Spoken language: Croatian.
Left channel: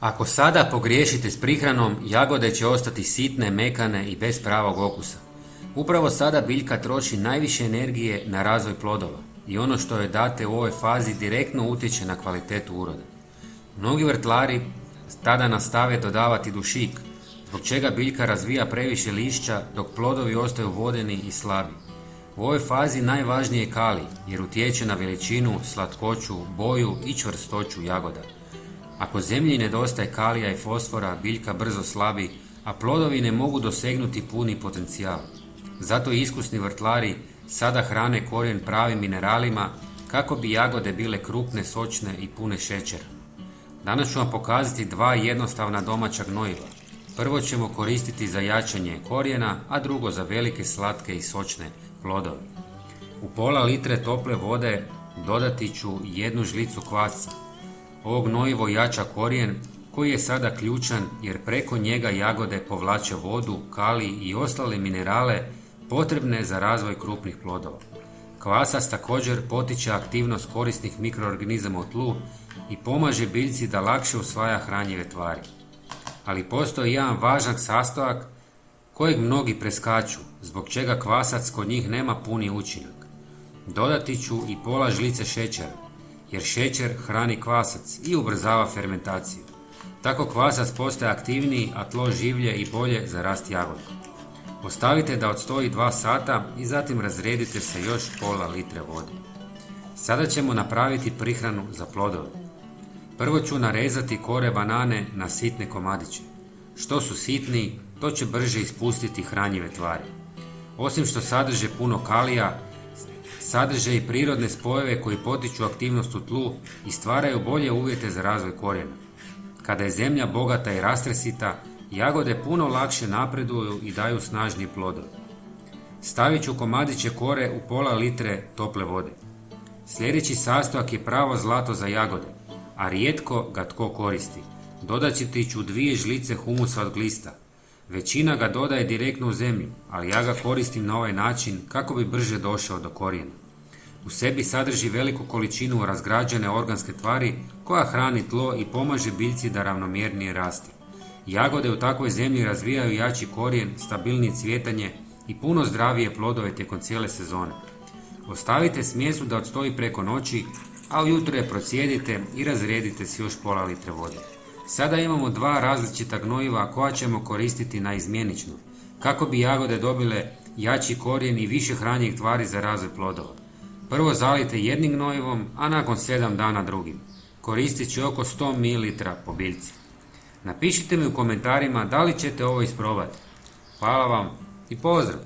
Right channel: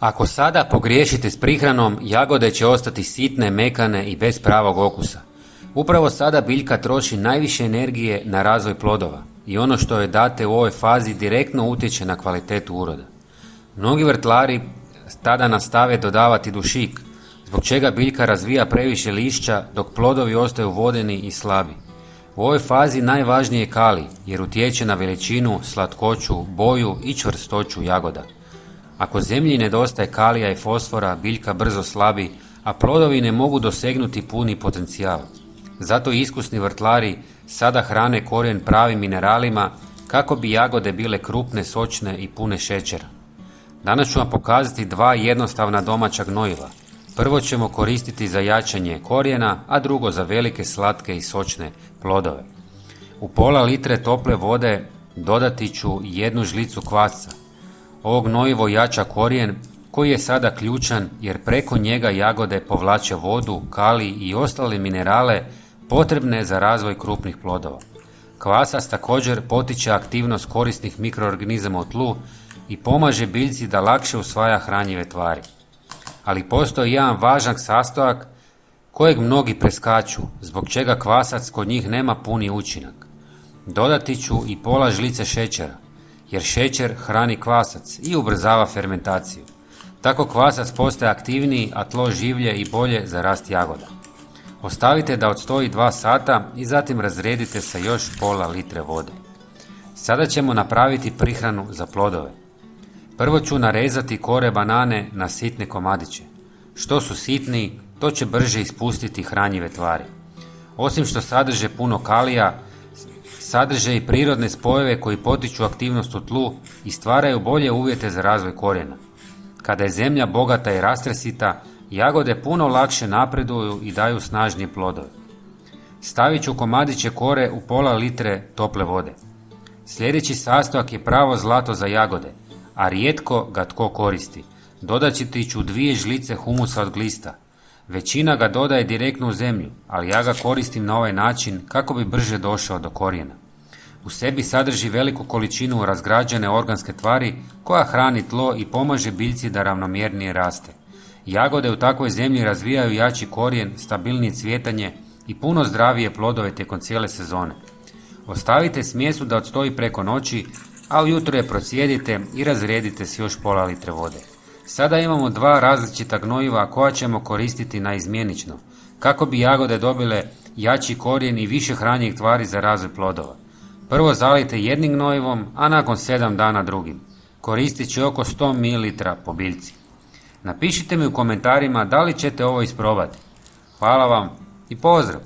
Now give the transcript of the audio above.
Ako sada pogriješite s prihranom, jagode će ostati sitne, mekane i bez pravog okusa. Upravo sada biljka troši najviše energije na razvoj plodova i ono što joj date u ovoj fazi direktno utječe na kvalitetu uroda. Mnogi vrtlari tada nastave dodavati dušik, zbog čega biljka razvija previše lišća dok plodovi ostaju vodeni i slabi. U ovoj fazi najvažnije je kalij jer utječe na veličinu, slatkoću, boju i čvrstoću jagoda. Ako zemlji nedostaje kalija i fosfora, biljka brzo slabi, a plodovi ne mogu dosegnuti puni potencijal. Zato iskusni vrtlari sada hrane korijen pravim mineralima kako bi jagode bile krupne, sočne i pune šećera. Danas ću vam pokazati dva jednostavna domaća gnojiva. Prvo ćemo koristiti za jačanje korijena, a drugo za velike, slatke i sočne plodove. U pola litre tople vode dodati ću 1 žlicu kvasca. Ovo gnojivo jača korijen koji je sada ključan jer preko njega jagode povlače vodu, kalij i ostale minerale potrebne za razvoj krupnih plodova. Kvasac također potiče aktivnost korisnih mikroorganizama u tlu i pomaže biljci da lakše usvaja hranjive tvari. Ali postoji jedan važan sastojak kojeg mnogi preskaču, zbog čega kvasac kod njih nema puni učinak. Dodati ću i pola žlice šećera, jer šećer hrani kvasac i ubrzava fermentaciju. Tako kvasac postaje aktivniji, a tlo življe i bolje za rast jagoda. Ostavite da odstoji 2 sata i zatim razredite sa još pola litre vode. Sada ćemo napraviti prihranu za plodove. Prvo ću narezati kore banane na sitne komadiće. Što su sitniji, to će brže ispustiti hranjive tvari. Osim što sadrže puno kalija, sadrže i prirodne spojeve koji potiču aktivnost u tlu i stvaraju bolje uvjete za razvoj korijena. Kada je zemlja bogata i rastresita, jagode puno lakše napreduju i daju snažnije plodove. Stavit ću komadiće kore u pola litre tople vode. Sljedeći sastojak je pravo zlato za jagode, a rijetko ga tko koristi. Dodati ću 2 žlice humusa od glista. Većina ga dodaje direktno u zemlju, ali ja ga koristim na ovaj način kako bi brže došao do korijena. U sebi sadrži veliku količinu razgrađene organske tvari koja hrani tlo i pomaže biljci da ravnomjernije raste. Jagode u takvoj zemlji razvijaju jači korijen, stabilnije cvjetanje i puno zdravije plodove tijekom cijele sezone. Ostavite smjesu da odstoji preko noći, a ujutro je procijedite i razredite s još pola litre vode. Sada imamo 2 različita gnojiva koja ćemo koristiti naizmjenično, kako bi jagode dobile jači korijen i više hranjivih tvari za razvoj plodova. Prvo zalijte jednim gnojivom, a nakon 7 dana drugim. Koristit će oko 100 ml po biljci. Napišite mi u komentarima da li ćete ovo isprobati. Hvala vam i pozdrav!